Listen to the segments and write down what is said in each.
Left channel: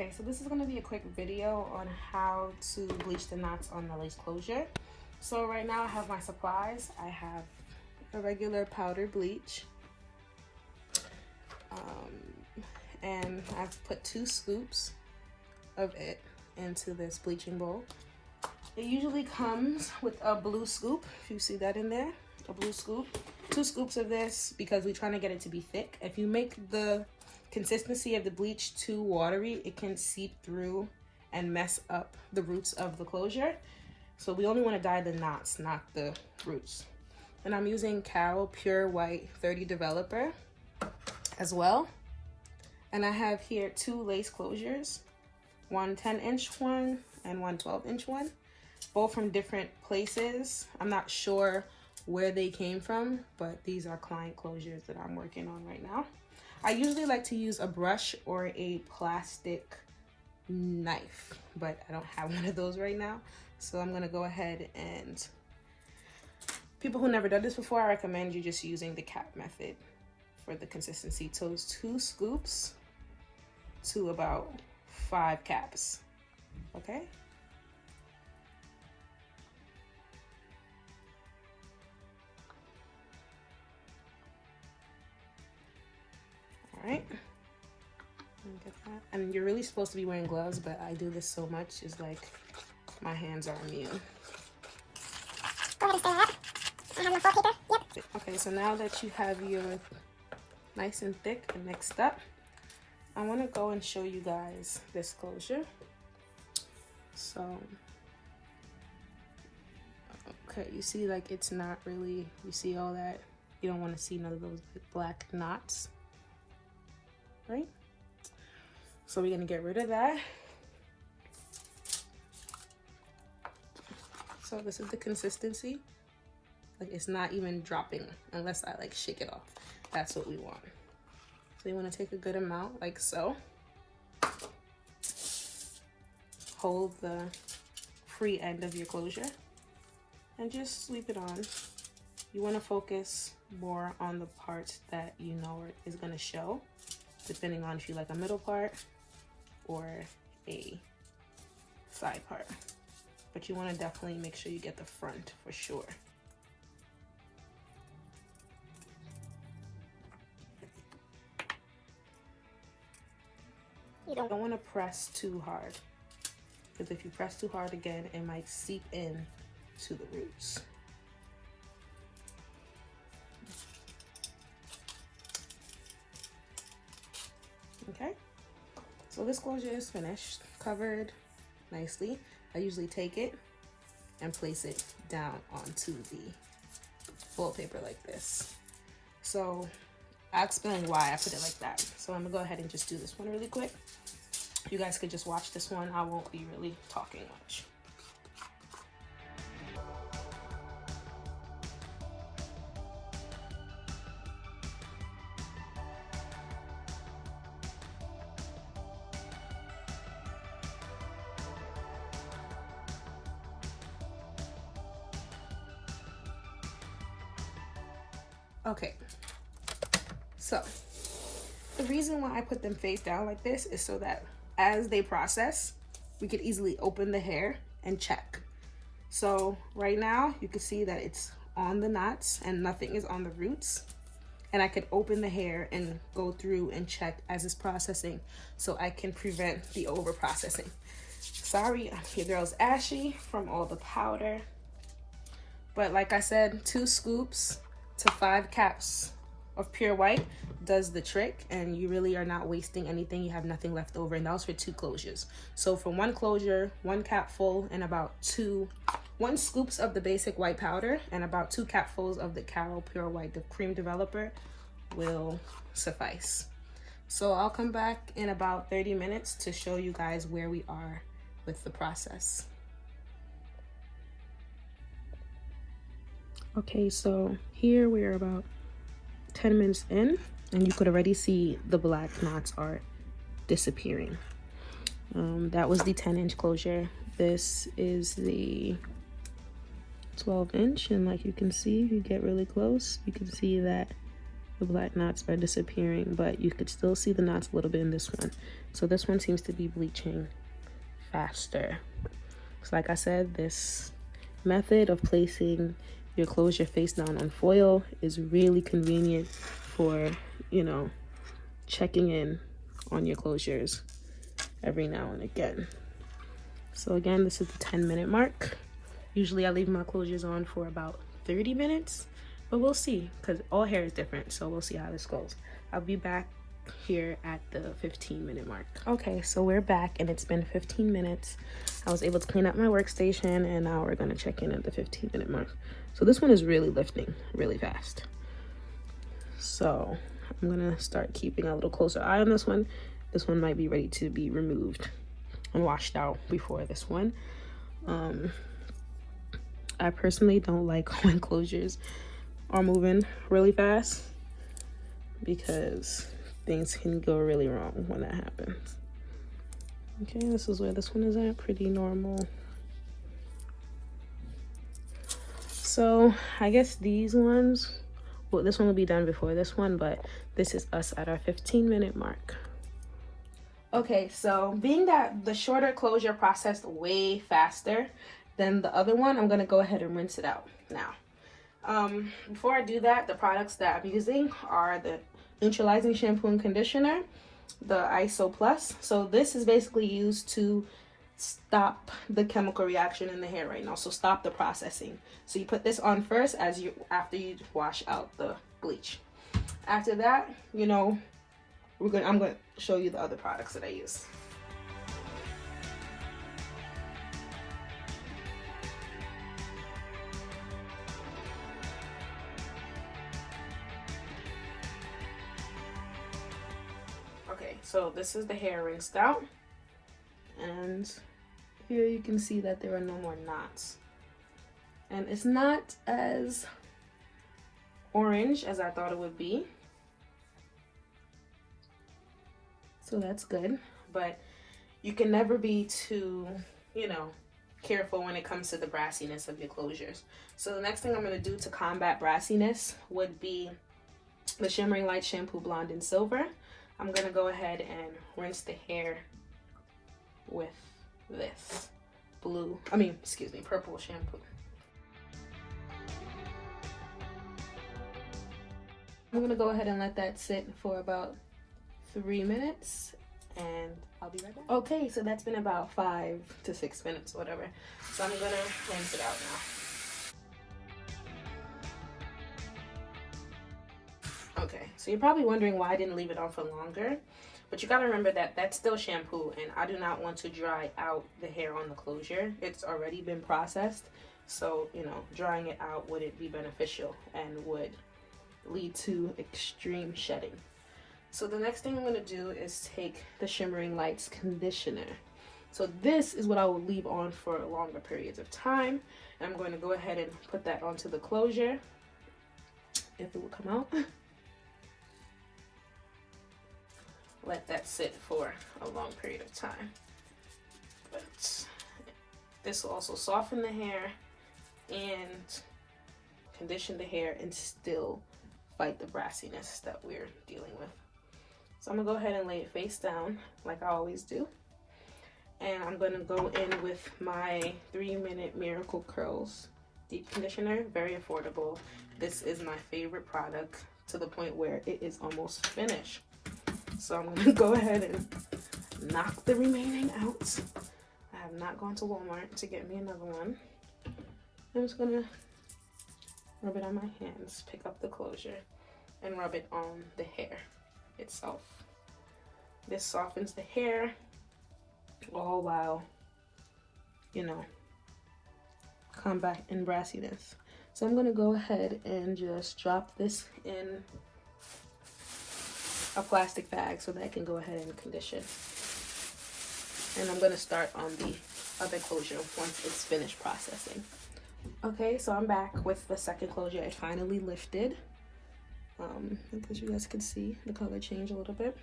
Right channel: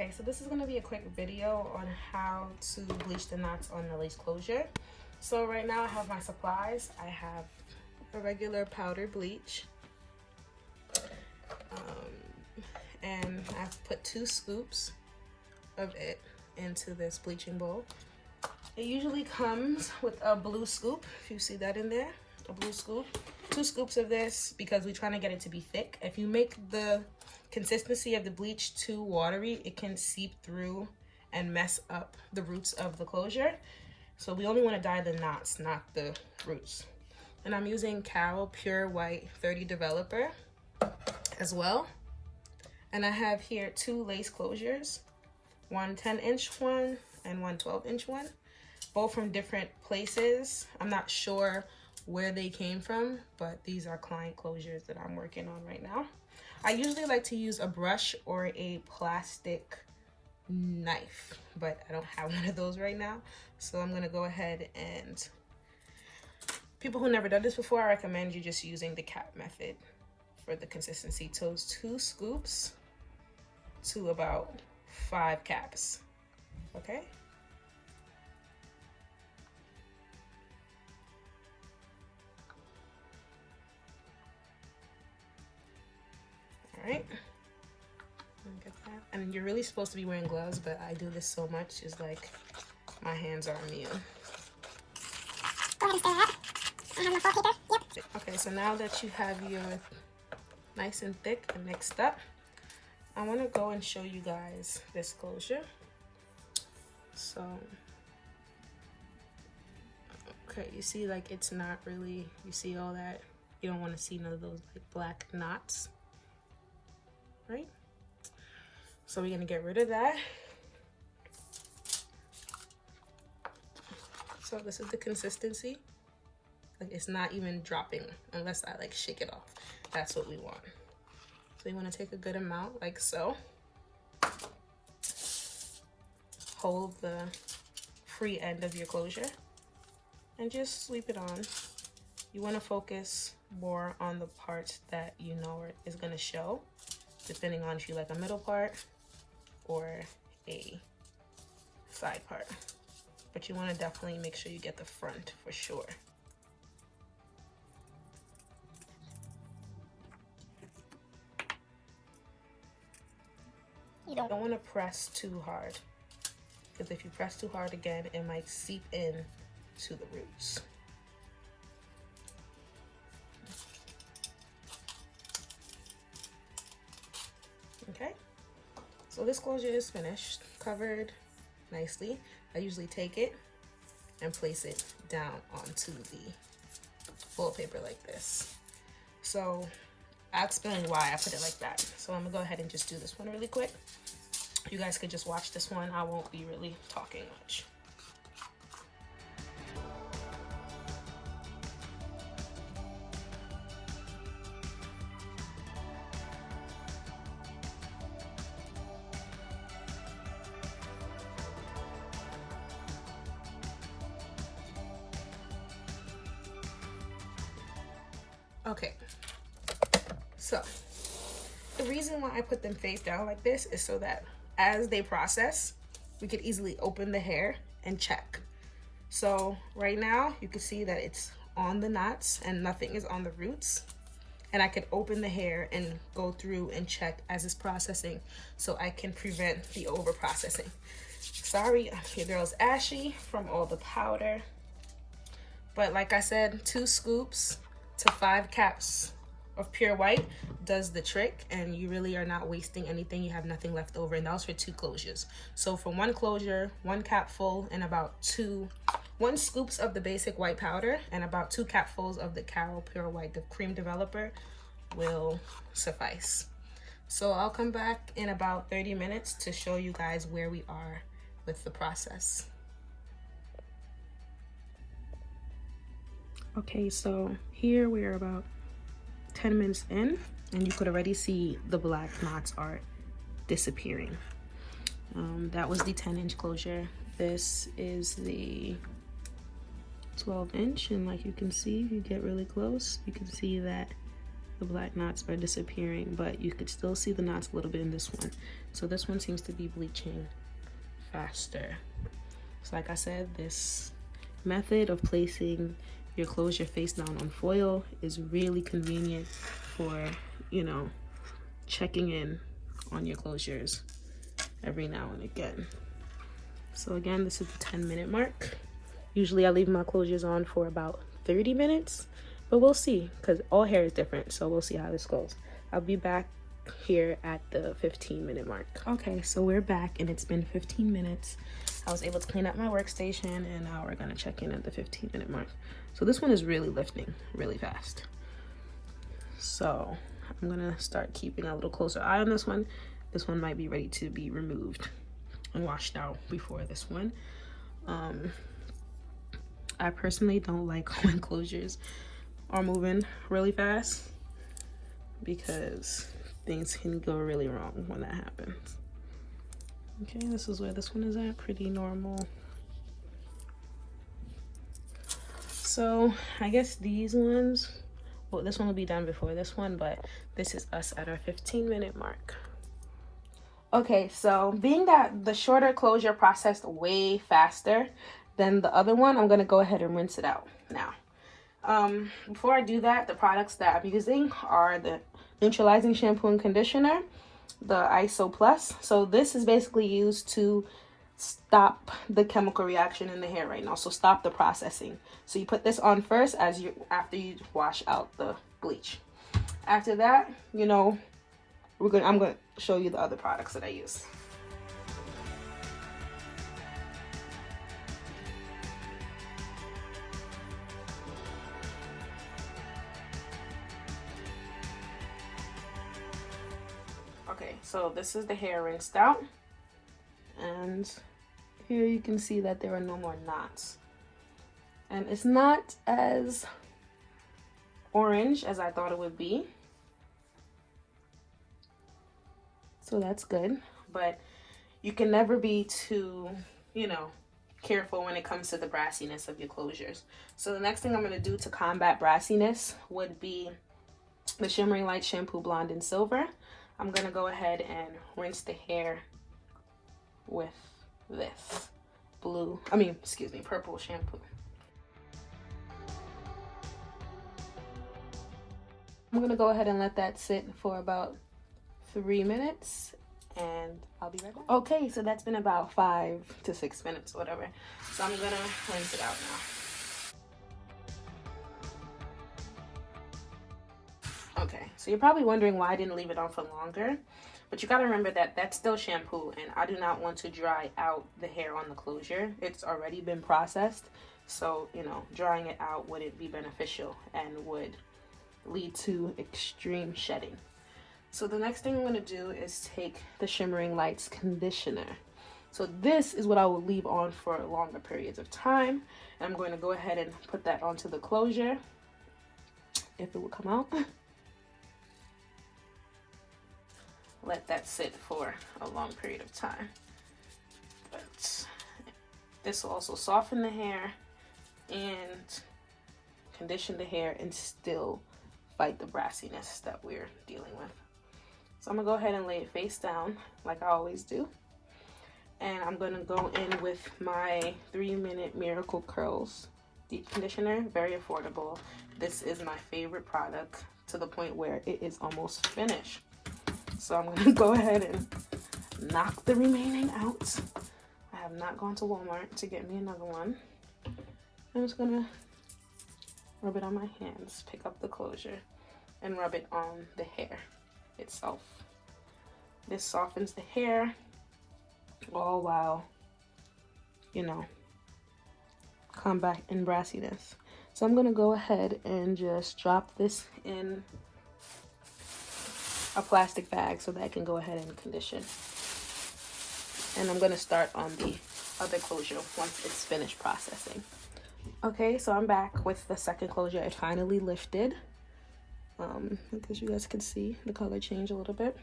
Okay, so this is going to be a quick video on how to bleach the knots on the lace closure. So right now I have my supplies. I have a regular powder bleach, and I've put 2 scoops of it into this bleaching bowl. It usually comes with a blue scoop, if you see that in there, a blue scoop. 2 scoops of this because we're trying to get it to be thick. If you make the consistency of the bleach too watery, it can seep through and mess up the roots of the closure. So we only want to dye the knots, not the roots. And I'm using Carol Pure White 30 Developer as well. And I have here 2 lace closures, one 10-inch one and one 12-inch one, both from different places. I'm not sure where they came from, but these are client closures that I'm working on right now. I usually like to use a brush or a plastic knife, but I don't have one of those right now. So I'm gonna go ahead and, people who never done this before, I recommend you just using the cap method for the consistency. So it's 2 scoops to about 5 caps, okay? All right, get that. And you're really supposed to be wearing gloves, but I do this so much, it's like my hands are immune. Okay, so now that you have your nice and thick and mixed up, I want to go and show you guys this closure. So, okay, you see, like, it's not really, you see all that? You don't want to see none of those like black knots, right? So we're gonna get rid of that. So this is the consistency. Like, it's not even dropping unless I like shake it off. That's what we want. So you want to take a good amount, like so. Hold the free end of your closure and just sweep it on. You want to focus more on the parts that you know is going to show, depending on if you like a middle part or a side part. But you want to definitely make sure you get the front for sure. You don't want to press too hard, because if you press too hard again, it might seep in to the roots. Okay, so this closure is finished, covered nicely. I usually take it and place it down onto the wallpaper like this. So I'll explain why I put it like that. So I'm gonna go ahead and just do this one really quick. You guys could just watch this one. I won't be really talking much. Okay, so the reason why I put them face down like this is so that as they process, we could easily open the hair and check. So right now you can see that it's on the knots and nothing is on the roots. And I could open the hair and go through and check as it's processing, so I can prevent the over processing. Sorry, your girl's ashy from all the powder. But like I said, 2 scoops to 5 caps of pure white does the trick, and you really are not wasting anything. You have nothing left over, and that was for 2 closures. So for 1 closure, 1 cap full and about 1 scoops of the basic white powder and about 2 capfuls of the Carol Pure White, the cream developer, will suffice. So I'll come back in about 30 minutes to show you guys where we are with the process. Okay, so here we're about 10 minutes in, and you could already see the black knots are disappearing. That was the 10-inch closure. This is the 12-inch, and like you can see, you get really close, you can see that The black knots are disappearing, but you could still see the knots a little bit in this one. So this one seems to be bleaching faster. So like I said, this method of placing your closure face down on foil is really convenient for, you know, checking in on your closures every now and again. So again, this is the 10-minute mark. Usually I leave my closures on for about 30 minutes, but we'll see, because all hair is different, so we'll see how this goes. I'll be back here at the 15-minute mark. Okay, so we're back and it's been 15 minutes. I was able to clean up my workstation, and now we're gonna check in at the 15-minute mark. So this one is really lifting really fast. So I'm gonna start keeping a little closer eye on this one. This one might be ready to be removed and washed out before this one. I personally don't like when closures are moving really fast, because things can go really wrong when that happens. Okay, this is where this one is at, pretty normal. So I guess these ones, well, this one will be done before this one, but this is us at our 15-minute mark. Okay, so being that the shorter closure processed way faster than the other one, I'm gonna go ahead and rinse it out now. Before I do that, the products that I'm using are the neutralizing shampoo and conditioner, the ISO Plus. So this is basically used to stop the chemical reaction in the hair right now, so stop the processing. So you put this on first after you wash out the bleach. After that, you know, I'm gonna show you the other products that I use. Okay, so this is the hair rinsed out, and here you can see that there are no more knots, and it's not as orange as I thought it would be, so that's good. But you can never be too, you know, careful when it comes to the brassiness of your closures. So the next thing I'm going to do to combat brassiness would be the Shimmering Light Shampoo Blonde and Silver. I'm going to go ahead and rinse the hair with this purple shampoo. I'm going to go ahead and let that sit for about 3 minutes, and I'll be right back. Okay, so that's been about 5 to 6 minutes, whatever. So I'm going to rinse it out now. Okay, so you're probably wondering why I didn't leave it on for longer, but you gotta remember that that's still shampoo, and I do not want to dry out the hair on the closure. It's already been processed, so, you know, drying it out wouldn't be beneficial and would lead to extreme shedding. So the next thing I'm gonna do is take the Shimmering Lights conditioner. So this is what I will leave on for longer periods of time, and I'm going to go ahead and put that onto the closure, if it will come out. Let that sit for a long period of time. But this will also soften the hair and condition the hair and still fight the brassiness that we're dealing with. So I'm gonna go ahead and lay it face down like I always do. And I'm gonna go in with my 3-minute Miracle Curls Deep Conditioner, very affordable. This is my favorite product, to the point where it is almost finished. So I'm gonna go ahead and knock the remaining out. I have not gone to Walmart to get me another one. I'm just gonna rub it on my hands, pick up the closure, and rub it on the hair itself. This softens the hair, all while, you know, combating brassiness. So I'm gonna go ahead and just drop this in a plastic bag so that I can go ahead and condition. And I'm gonna start on the other closure once it's finished processing. Okay, so I'm back with the second closure. It finally lifted. Because you guys can see the color change a little bit.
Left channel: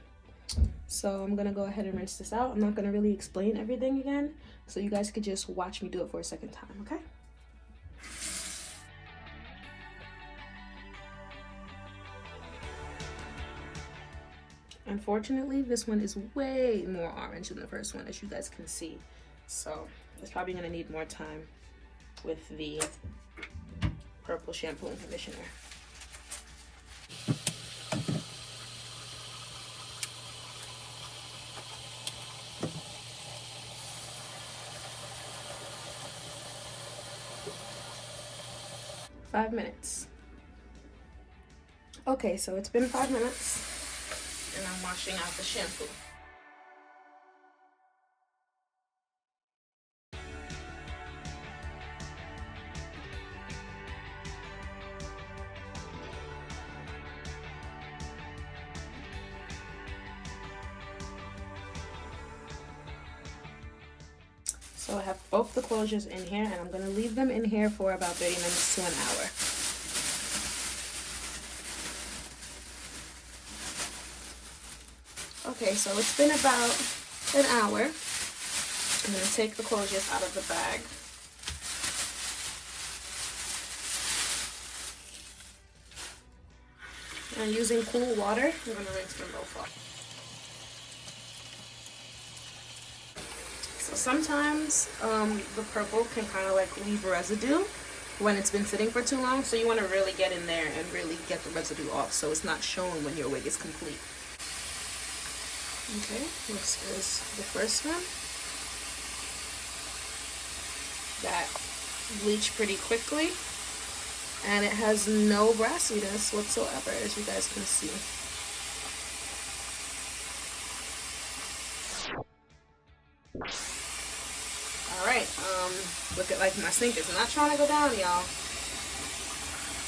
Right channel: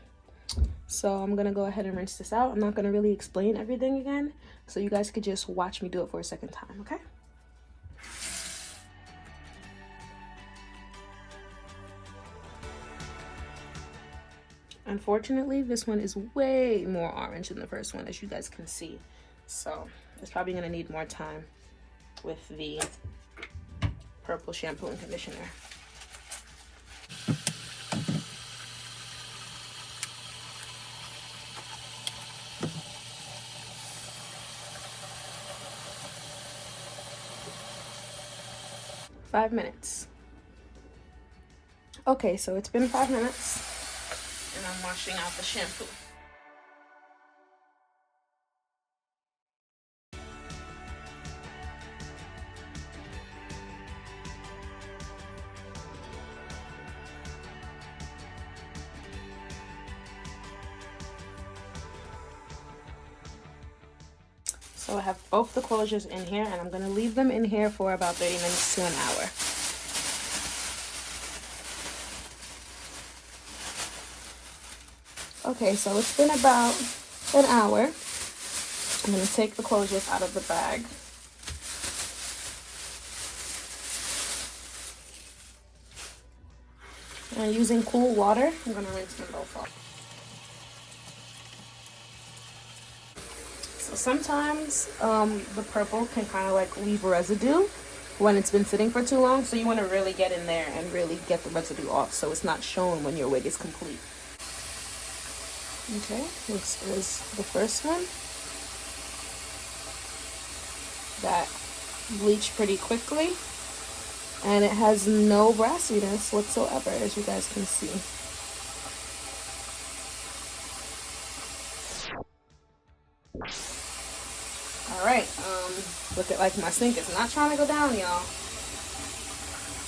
So I'm gonna go ahead and rinse this out. I'm not gonna really explain everything again, so you guys could just watch me do it for a second time, okay? Unfortunately, this one is way more orange than the first one, as you guys can see. So it's probably gonna need more time with the purple shampoo and conditioner. Five minutes. Okay, so it's been 5 minutes and I'm washing out the shampoo. So I have both the closures in here and I'm gonna leave them in here for about 30 minutes to an hour. Okay, so it's been about an hour. I'm gonna take the closures out of the bag. And using cool water, I'm gonna rinse them both off. So sometimes the purple can kind of like leave residue when it's been sitting for too long, so you want to really get in there and really get the residue off so it's not shown when your wig is complete. Okay, this is the first one. That bleached pretty quickly and it has no brassiness whatsoever, as you guys can see. Alright, look at like my sink is not trying to go down, y'all.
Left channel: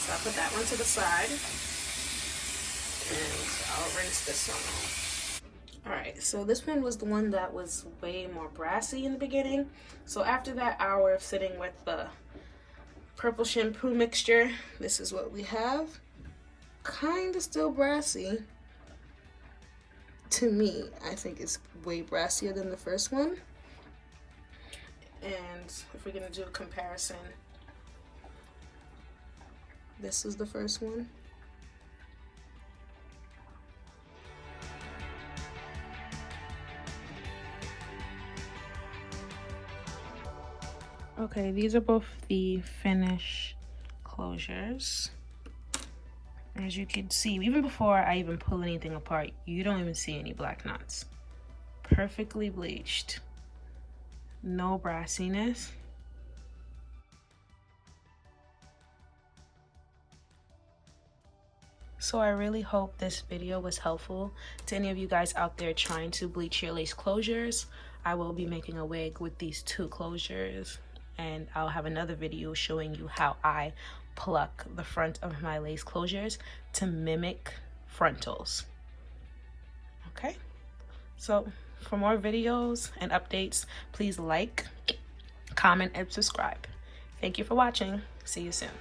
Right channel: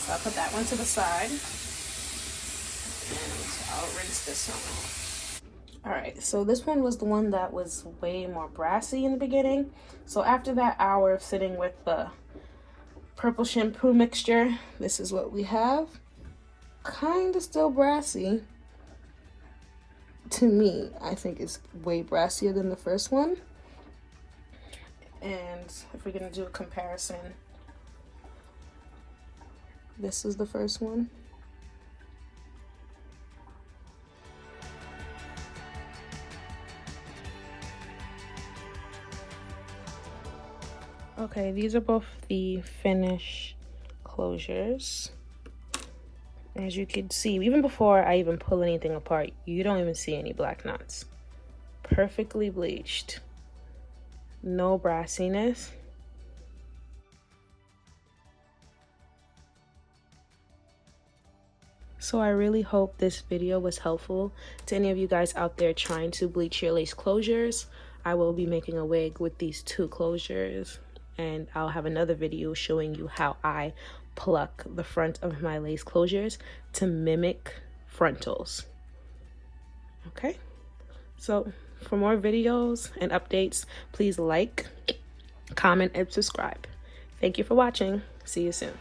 So I'll put that one to the side and I'll rinse this one off. Alright, so this one was the one that was way more brassy in the beginning. So after that hour of sitting with the purple shampoo mixture, this is what we have. Kind of still brassy. To me, I think it's way brassier than the first one. And if we're gonna do a comparison, this is the first one. Okay, these are both the finish closures. As you can see, even before I even pull anything apart, you don't even see any black knots. Perfectly bleached. No brassiness. So I really hope this video was helpful to any of you guys out there trying to bleach your lace closures. I will be making a wig with these two closures, and I'll have another video showing you how I pluck the front of my lace closures to mimic frontals. Okay, so for more videos and updates, please like, comment, and subscribe. Thank you for watching. See you soon.